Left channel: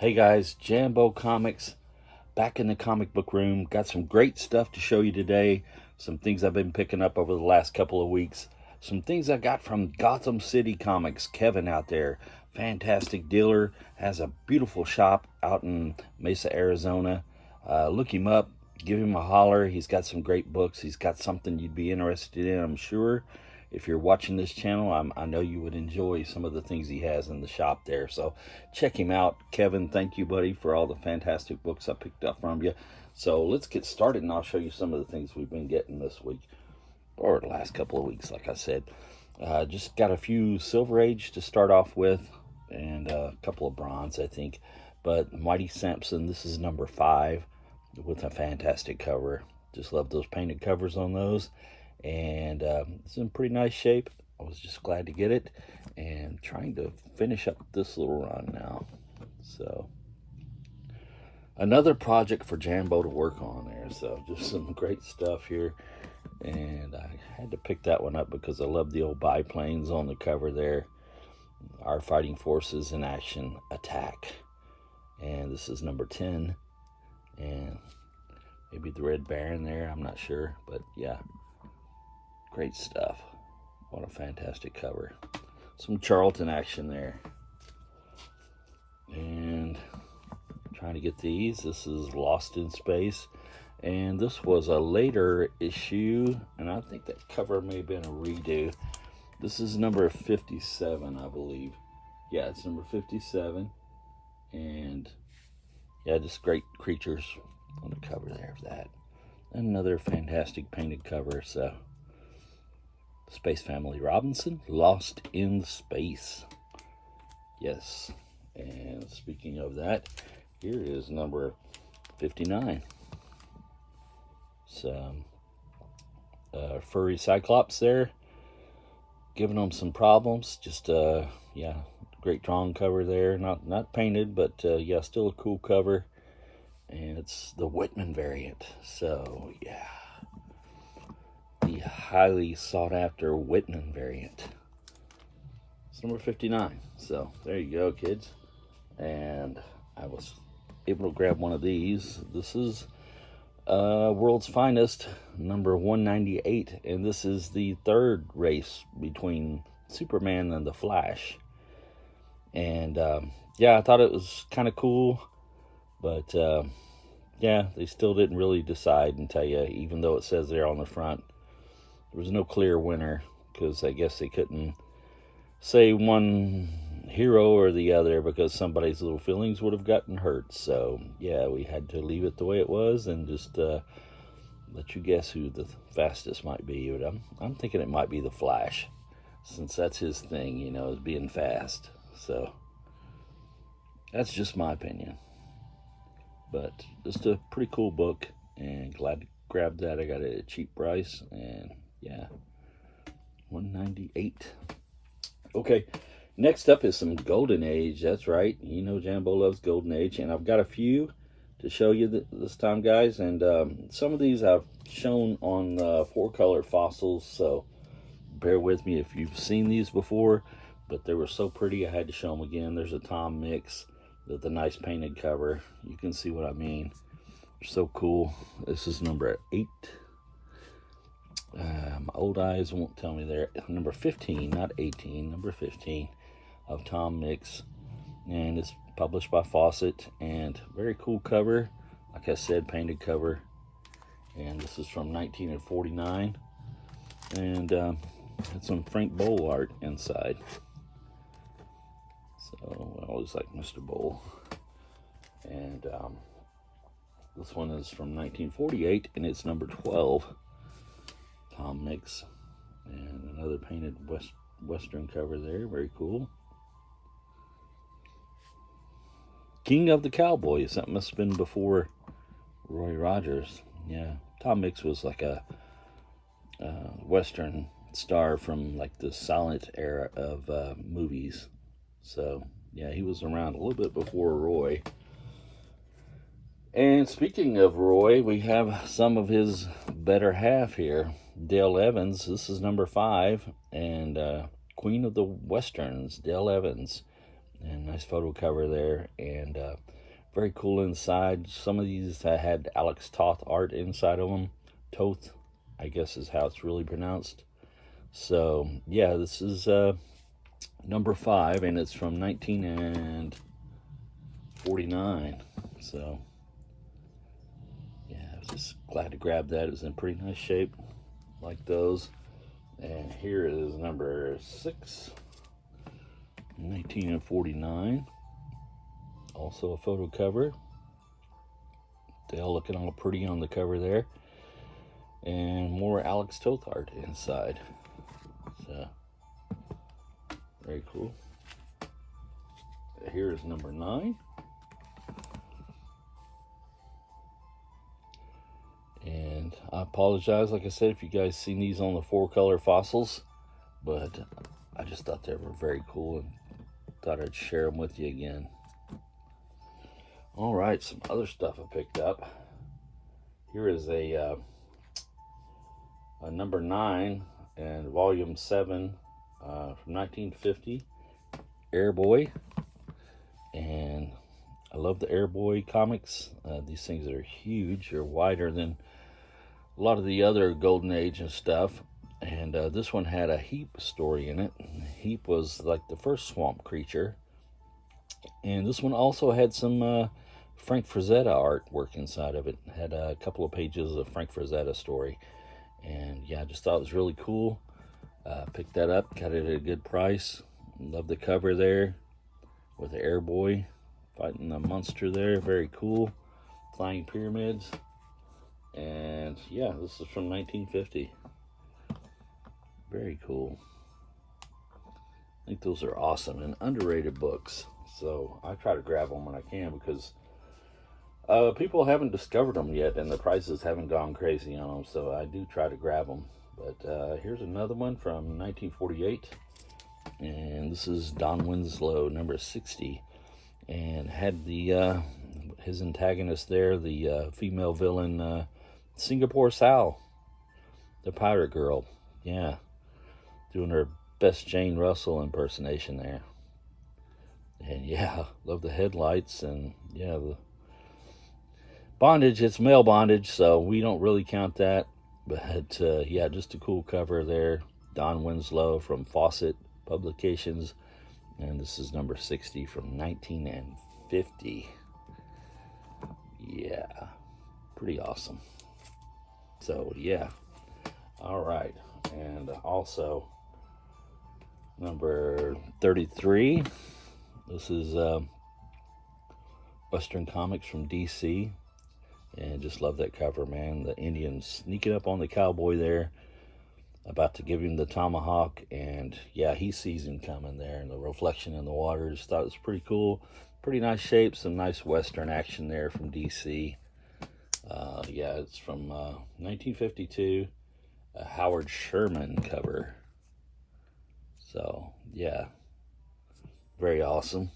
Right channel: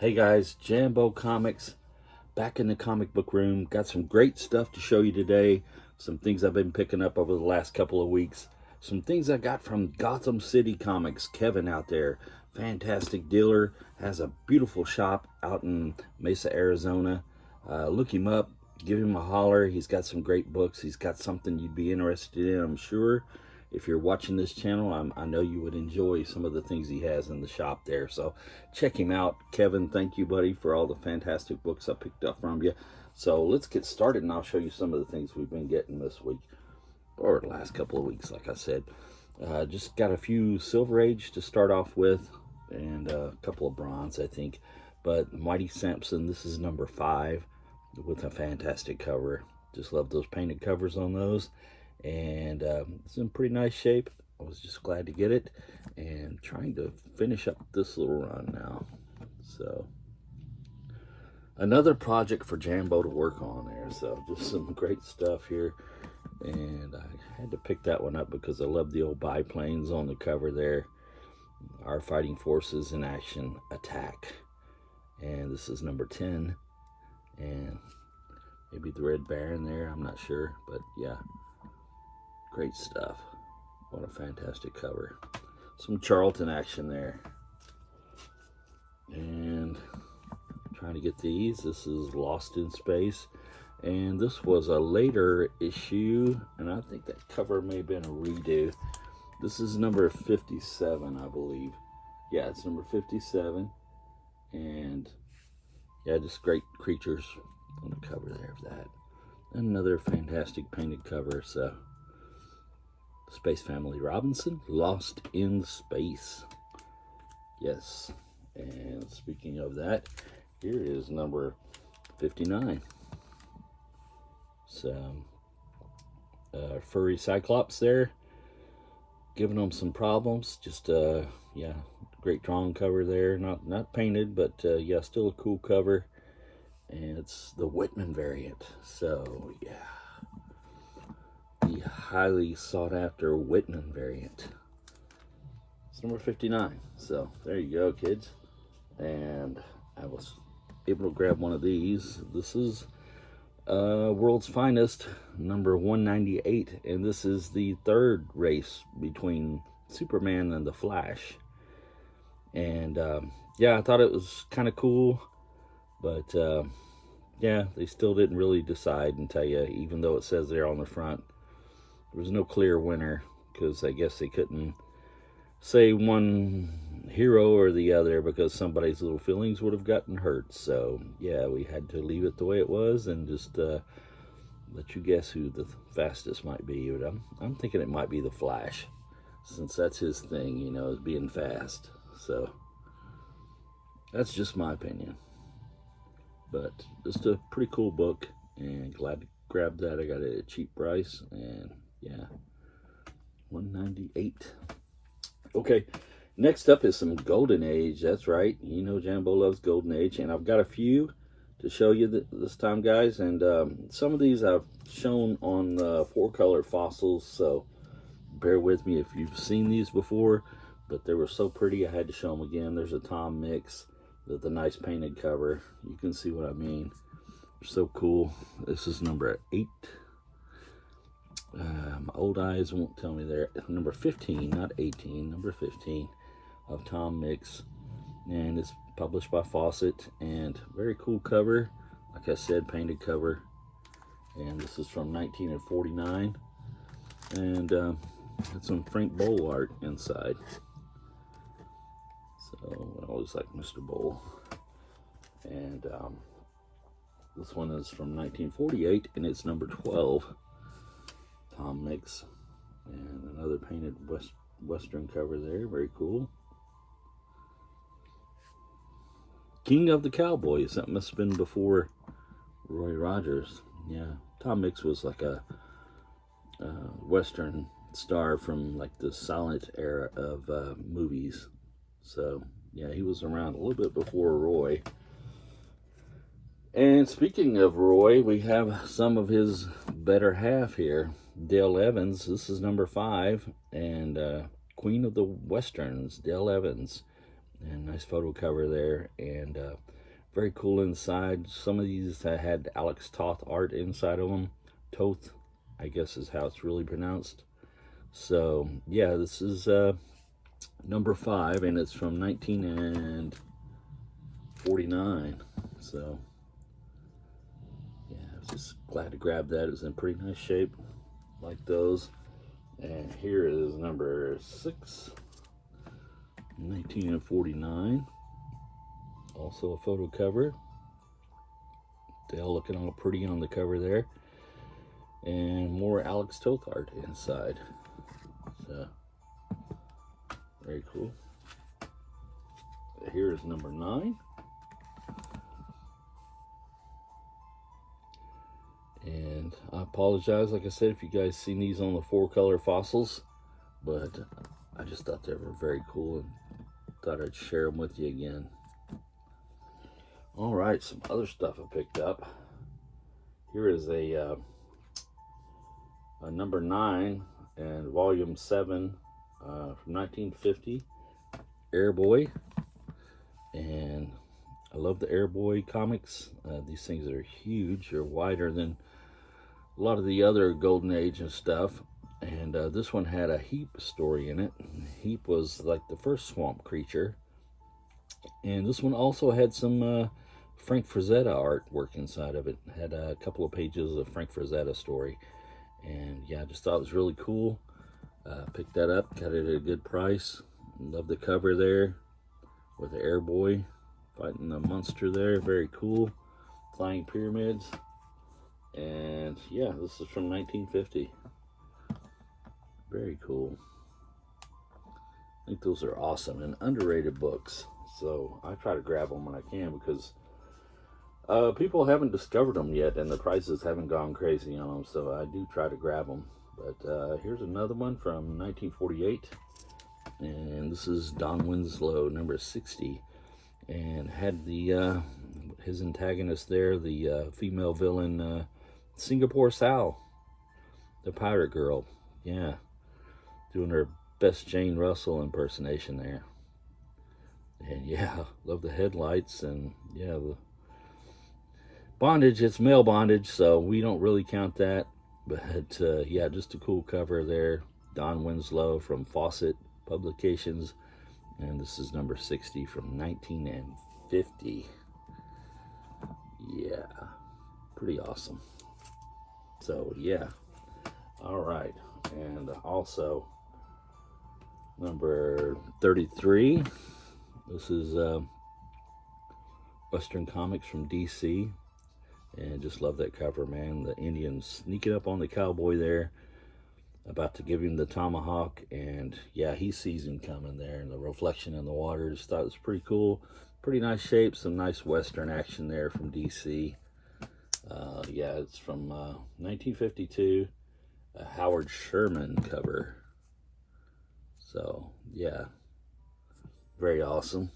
Hey guys, Jambo Comics back in the comic book room. Got some great stuff to show you today. Some things I've been picking up over the last couple of weeks. Some things I got from Gotham City Comics. Kevin out there, fantastic dealer, has a beautiful shop out in Mesa, Arizona. Look him up, give him a holler. He's got some great books. He's got something you'd be interested in, I'm sure. If you're watching this channel, I know you would enjoy some of the things he has in the shop there. So check him out. Kevin, thank you, buddy, for all the fantastic books I picked up from you. So let's get started, and I'll show you some of the things we've been getting this week, or the last couple of weeks, like I said. Just got a few Silver Age to start off with, and a couple of bronze, I think. But Mighty Samson, this is number 5 with a fantastic cover. Just love those painted covers on those. And it's in pretty nice shape. I was just glad to get it, and trying to finish up this little run now. So another project for Jambo to work on there. So just some great stuff here, and I had to pick that one up because I love the old biplanes on the cover there. Our Fighting Forces in Action Attack, and this is number 10, and maybe the Red Baron there, I'm not sure, but yeah, great stuff. What a fantastic cover. Some Charlton action there. And trying to get these. This is Lost in Space. And this was a later issue, and I think that cover may have been a redo. This is number 57, I believe. Yeah, it's number 57. And yeah, just great creatures on the cover there of that. Another fantastic painted cover, so Space Family Robinson, Lost in Space. Yes. And speaking of that, here is number 59. Some furry Cyclops there, giving them some problems. Just yeah, great drawn cover there. Not painted, but yeah, still a cool cover. And it's the Whitman variant. So yeah, the highly sought after Whitman variant. It's number 59. So there you go, kids. And I was able to grab one of these. This is World's Finest, number 198. And this is the third race between Superman and the Flash. And yeah, I thought it was kind of cool. But yeah, they still didn't really decide and tell you, even though it says there on the front. There was no clear winner, because I guess they couldn't say one hero or the other because somebody's little feelings would have gotten hurt. So yeah, we had to leave it the way it was and just let you guess who the fastest might be. But I'm thinking it might be the Flash, since that's his thing, you know, is being fast. So that's just my opinion. But just a pretty cool book, and glad to grab that. I got it at a cheap price, and yeah, 198. Okay, next up is some Golden Age. That's right, you know Jambo loves Golden Age, and I've got a few to show you this time, guys. And some of these I've shown on 4-color fossils, so bear with me if you've seen these before, but they were so pretty I had to show them again. There's a Tom Mix with a nice painted cover. You can see what I mean. They're so cool. This is number 8. My old eyes won't tell me there. Number 15, not 18, number 15 of Tom Mix. And it's published by Fawcett, and very cool cover. Like I said, painted cover. And this is from 1949. And it's some Frank Bowl art inside. So I always like Mr. Bowl. And this one is from 1948, and it's number 12. Tom Mix. And another painted Western cover there. Very cool. King of the Cowboys. That must have been before Roy Rogers. Yeah. Tom Mix was like a Western star from like the silent era of movies. So yeah, he was around a little bit before Roy. And speaking of Roy, we have some of his better half here. Dale Evans. This is number 5, and Queen of the Westerns, Dale Evans. And nice photo cover there, and very cool inside. Some of these had Alex Toth art inside of them. Toth, I guess is how it's really pronounced. So yeah, this is number 5, and it's from 1949. So yeah, I was just glad to grab that. It's in pretty nice shape, like those. And here is number 6, 1949. Also a photo cover. Dale looking all pretty on the cover there. And more Alex Toth art inside. So, very cool. Here is number 9. And I apologize, like I said, if you guys seen these on the 4-color fossils, but I just thought they were very cool and thought I'd share them with you again. All right, some other stuff I picked up. Here is a number 9 and volume 7 from 1950, Airboy. And I love the Airboy comics. These things are huge. They're wider than a lot of the other Golden Age and stuff. And this one had a Heap story in it. Heap was like the first swamp creature. And this one also had some Frank Frazetta artwork inside of it. Had a couple of pages of Frank Frazetta story. And yeah, I just thought it was really cool. Picked that up, got it at a good price. Love the cover there with the Airboy fighting the monster there. Very cool. Flying pyramids. And yeah, this is from 1950. Very cool. I think those are awesome and underrated books. So I try to grab them when I can, because people haven't discovered them yet, and the prices haven't gone crazy on them. So I do try to grab them. But here's another one from 1948. And this is Don Winslow, number 60. And had the his antagonist there, the female villain, Singapore Sal, the pirate girl. Yeah, doing her best Jane Russell impersonation there. And yeah, love the headlights, and yeah, the bondage. It's male bondage, so we don't really count that. But yeah, just a cool cover there. Don Winslow from Fawcett Publications. And this is number 60 from 1950. Yeah, pretty awesome. So yeah, all right. And also number 33. This is Western Comics from DC. And just love that cover, man. The Indians sneaking up on the cowboy there, about to give him the tomahawk, and yeah, he sees him coming there, and the reflection in the water. Just thought it was pretty cool. Pretty nice shape, some nice Western action there from DC. Yeah, it's from 1952, a Howard Sherman cover. So yeah, very awesome.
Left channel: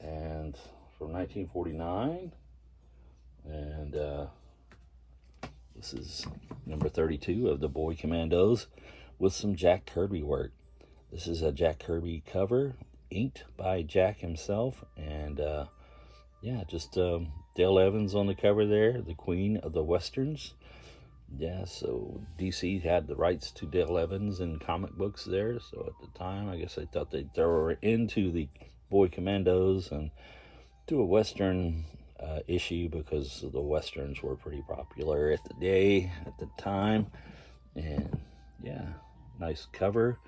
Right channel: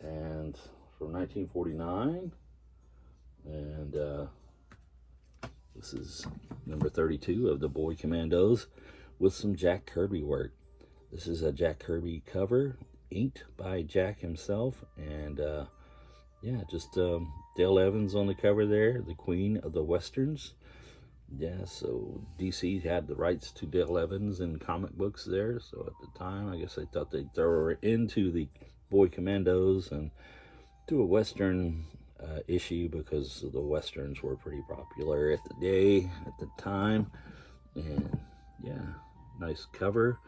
And from 1949, and this is number 32 of the Boy Commandos with some Jack Kirby work. This is a Jack Kirby cover, inked by Jack himself. And yeah, just Dale Evans on the cover there, the queen of the Westerns. Yeah, so DC had the rights to Dale Evans in comic books there. So at the time, I guess they thought they'd throw her into the Boy Commandos and do a Western issue, because the Westerns were pretty popular at the time. And yeah, nice cover,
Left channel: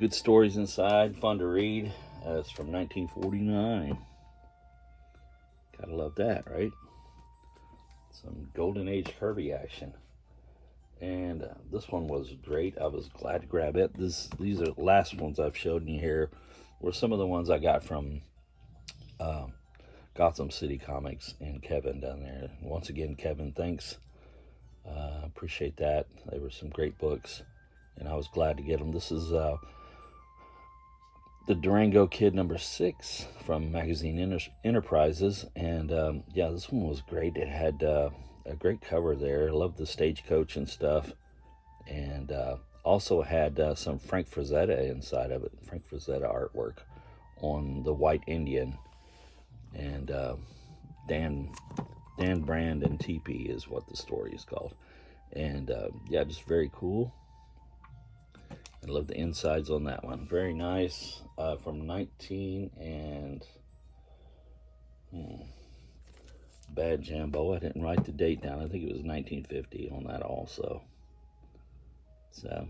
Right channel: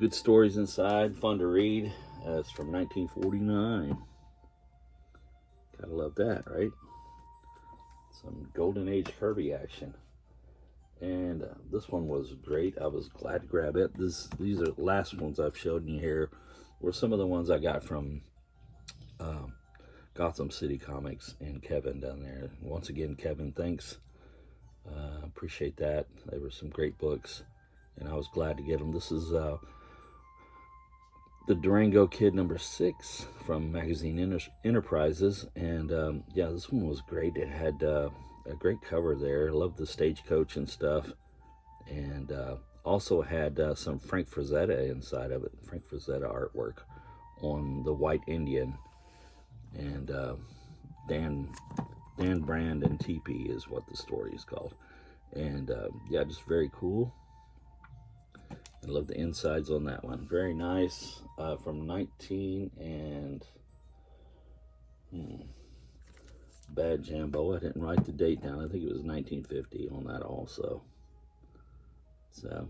good stories inside, fun to read. It's from 1949. Gotta love that, right? Some Golden Age Kirby action. And this one was great. I was glad to grab it. These are the last ones I've showed you here were some of the ones I got from Gotham City Comics and Kevin down there. Once again, Kevin, thanks. Appreciate that. They were some great books, and I was glad to get them. This is the Durango Kid number 6 from Magazine Enterprises. And yeah, this one was great. It had a great cover there. I love the stagecoach and stuff. And also had some Frank Frazetta inside of it, Frank Frazetta artwork. on the White Indian. And Dan Brand and TP is what the story is called. And yeah, just very cool. I love the insides on that one. Very nice. From 19 and bad Jambo. I didn't write the date down. I think it was 1950 on that also. So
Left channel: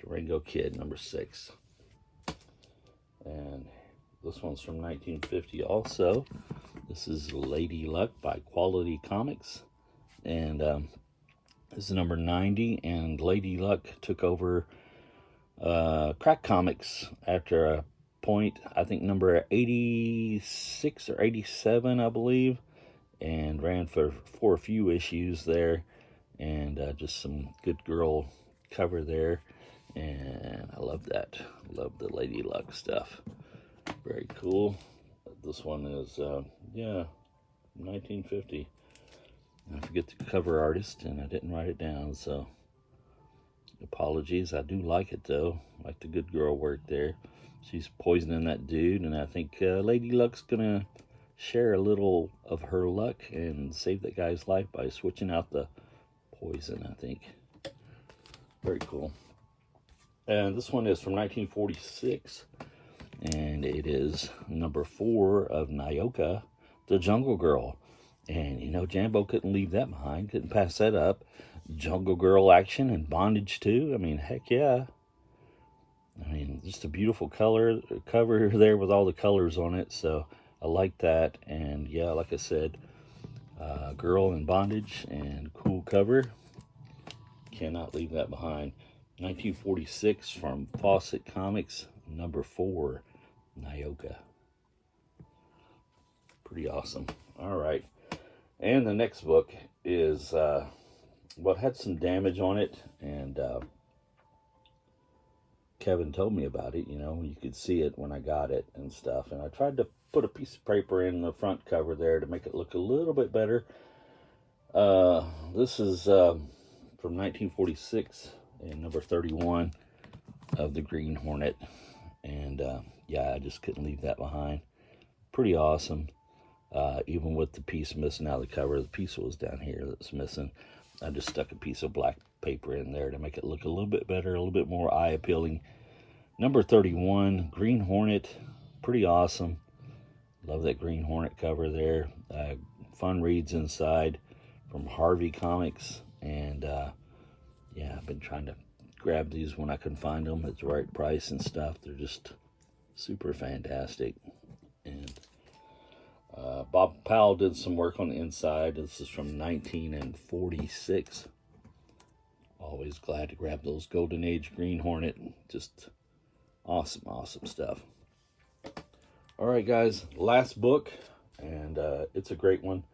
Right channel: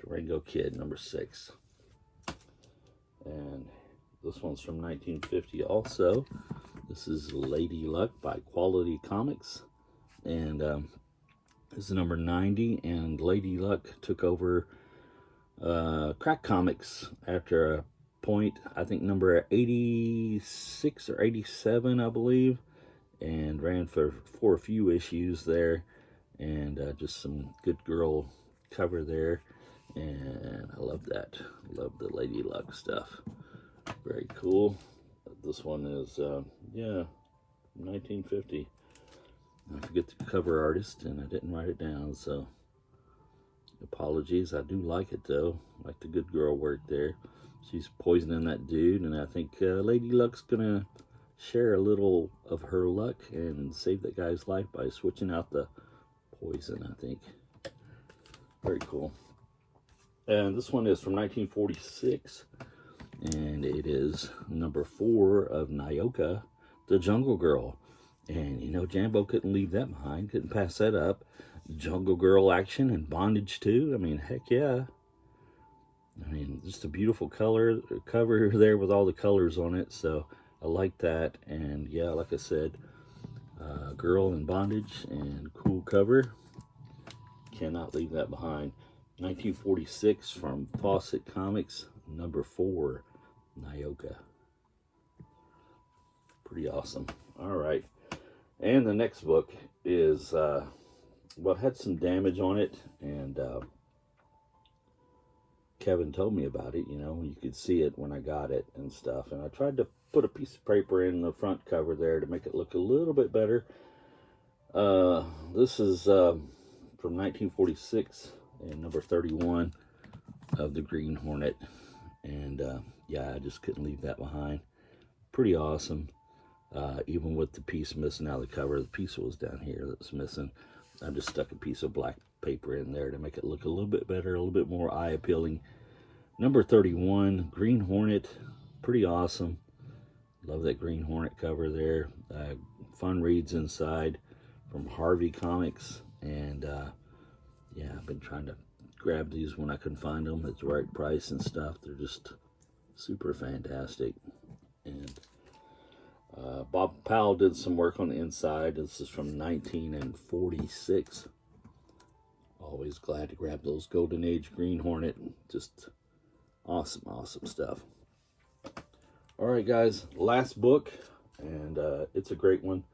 Durango Kid, number 6. And this one's from 1950 also. This is Lady Luck by Quality Comics. And this is number 90. And Lady Luck took over Crack Comics after a point, I think number 86 or 87, I believe. And ran for a few issues there. And just some good girl cover there. And I love that. Love the Lady Luck stuff. Very cool. This one is, yeah, 1950. I forget the cover artist, and I didn't write it down, so apologies. I do like it, though. I like the good girl work there. She's poisoning that dude, and I think Lady Luck's going to share a little of her luck and save that guy's life by switching out the poison, I think. Very cool. And this one is from 1946. And it is number 4 of Nyoka, the Jungle Girl. And, you know, Jambo couldn't leave that behind. Couldn't pass that up. Jungle Girl action and bondage, too. I mean, heck yeah. I mean, just a beautiful cover there with all the colors on it. So, I like that. And, yeah, like I said, girl in bondage and cool cover. Cannot leave that behind. 1946 from Fawcett Comics, number 4, Nyoka. Pretty awesome. All right. And the next book is, well, it had some damage on it, and Kevin told me about it. You know, you could see it when I got it and stuff. And I tried to put a piece of paper in the front cover there to make it look a little bit better. This is from 1946. And number 31 of the Green Hornet. And yeah, I just couldn't leave that behind. Pretty awesome. Even with the piece missing out of the cover, the piece was down here that's missing. I just stuck a piece of black paper in there to make it look a little bit better, a little bit more eye appealing. Number 31, Green Hornet. Pretty awesome. Love that Green Hornet cover there. Fun reads inside from Harvey Comics. And yeah, I've been trying to grab these when I can find them at the right price and stuff. They're just super fantastic. And Bob Powell did some work on the inside. This is from 1946. Always glad to grab those Golden Age Green Hornet. Just awesome, awesome stuff. All right, guys, last book, and it's a great one.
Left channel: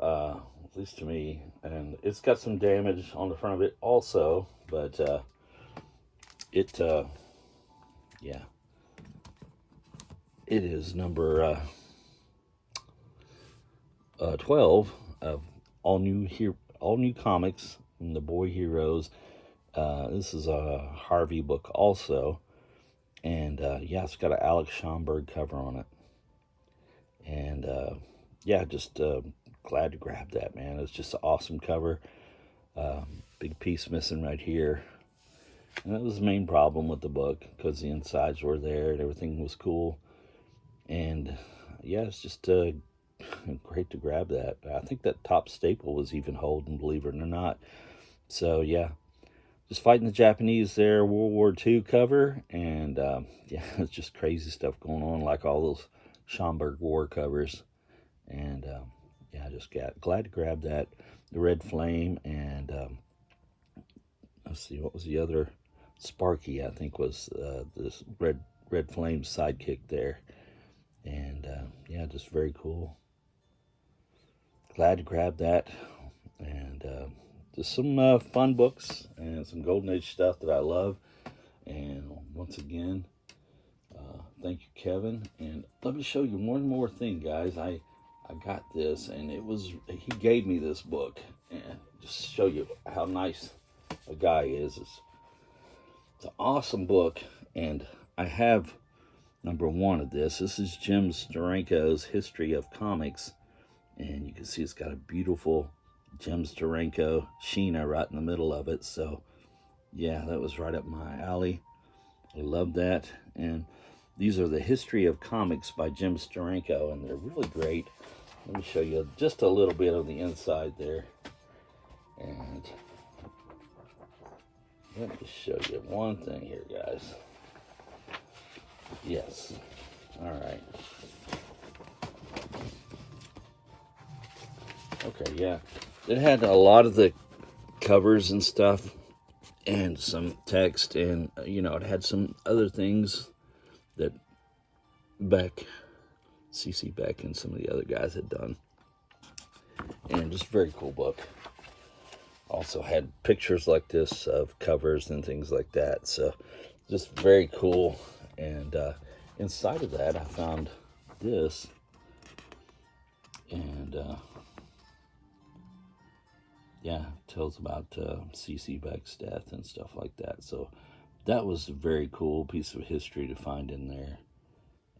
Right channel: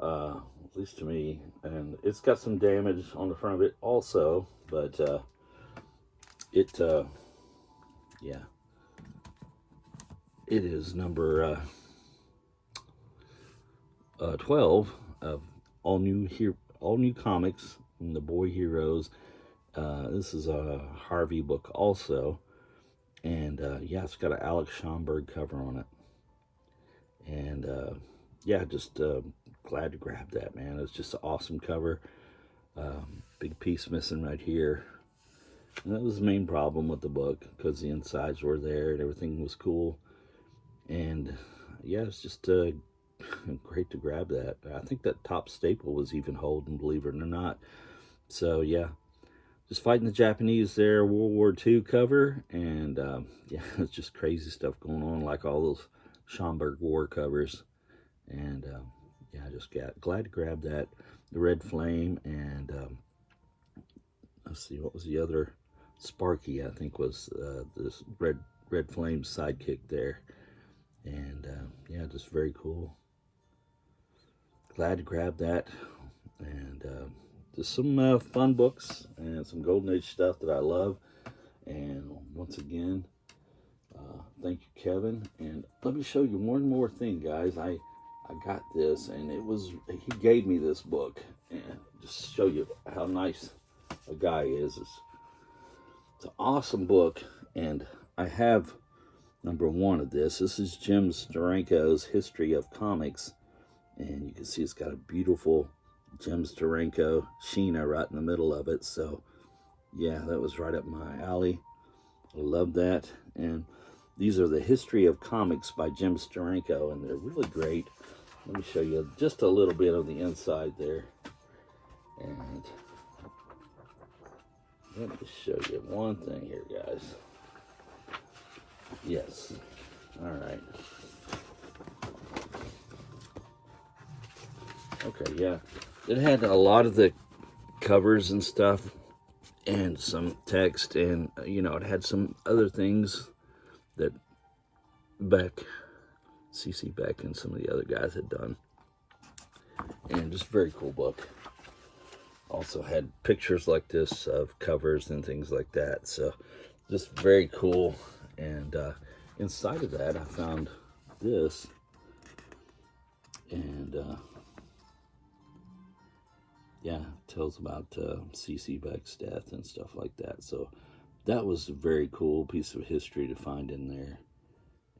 At least to me, and it's got some damage on the front of it also, but yeah, it is number 12 of all new comics from the Boy Heroes. This is a Harvey book also, and yeah, it's got an Alex Schomburg cover on it, and yeah, just glad to grab that, man. It's just an awesome cover. Big piece missing right here. And that was the main problem with the book, because the insides were there and everything was cool. And yeah, it's just great to grab that. I think that top staple was even holding, believe it or not. So yeah, just fighting the Japanese there, World War II cover. And yeah, it's just crazy stuff going on, like all those Schomburg War covers. And yeah, I just got glad to grab that. The Red Flame, and let's see, what was the other? Sparky, I think, was this Red Flame sidekick there. And yeah, just very cool. Glad to grab that. And just some fun books and some Golden Age stuff that I love. And once again, thank you, Kevin. And let me show you one more thing, guys. I got this, and he gave me this book, and just show you how nice a guy is. It's an awesome book, and I have number 1 of this. This is Jim Steranko's History of Comics. And you can see it's got a beautiful Jim Steranko Sheena right in the middle of it. So, yeah, that was right up my alley. I love that. And these are the History of Comics by Jim Steranko, and they're really great. Let me show you just a little bit of the inside there. And let me show you one thing here, guys. Yes. All right. Okay, yeah. It had a lot of the covers and stuff and some text, and, you know, it had some other things that CC Beck and some of the other guys had done. And just a very cool book. Also had pictures like this of covers and things like that. So just very cool. And inside of that, I found this. And yeah, tells about CC Beck's death and stuff like that. So that was a very cool piece of history to find in there.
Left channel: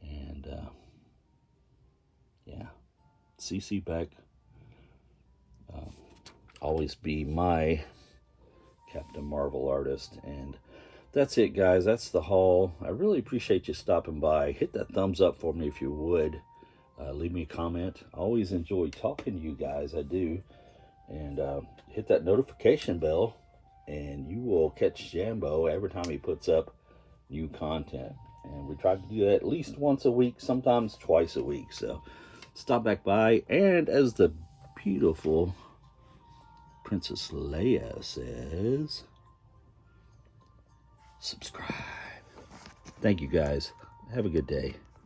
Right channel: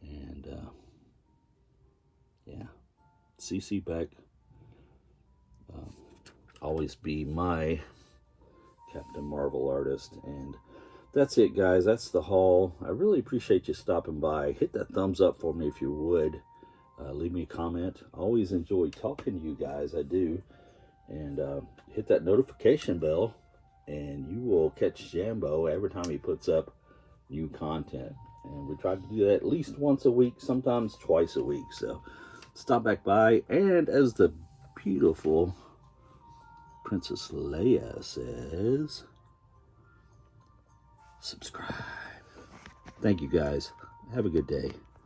And yeah, CC Beck, always be my Captain Marvel artist. And that's it, guys. That's the haul. I really appreciate you stopping by. Hit that thumbs up for me if you would. Leave me a comment. I always enjoy talking to you guys. I do. And hit that notification bell, and you will catch Jambo every time he puts up new content. And we try to do that at least once a week, sometimes twice a week. So stop back by, and as the beautiful Princess Leia says, subscribe. Thank you, guys. Have a good day.